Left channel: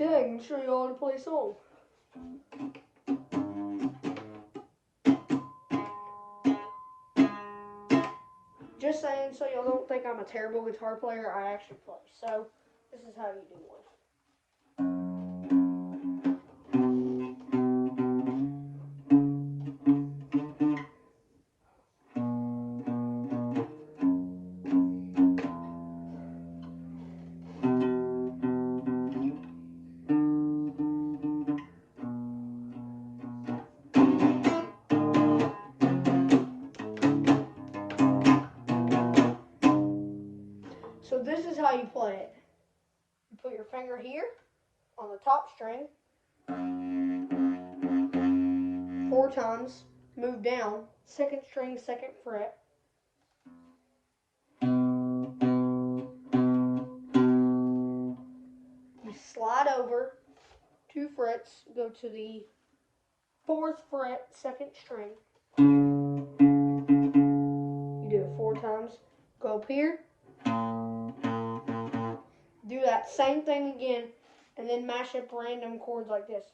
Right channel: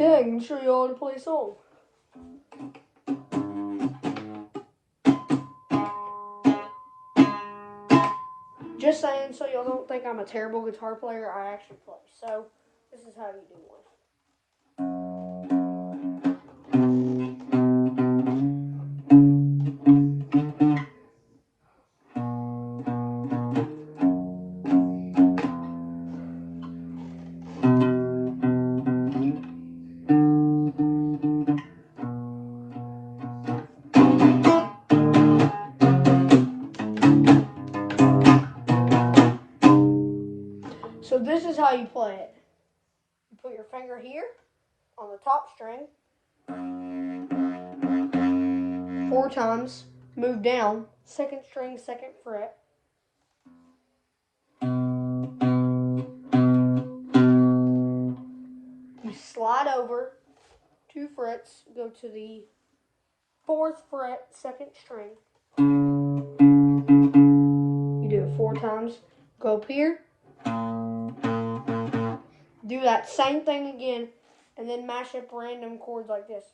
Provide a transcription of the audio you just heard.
Okay, I can show you all to play a song. Just saying, so y'all don't think I'm a terrible guitar player, I actually play. So, this is how you do one. So this is how you play it. You put your finger here on the top string 4 times, move down, 2nd string, 2nd fret. You slide over 2 frets, go to the 4th fret, 2nd string. You do it 4 times, go up here, do that same thing again, and then mash up random chords like this.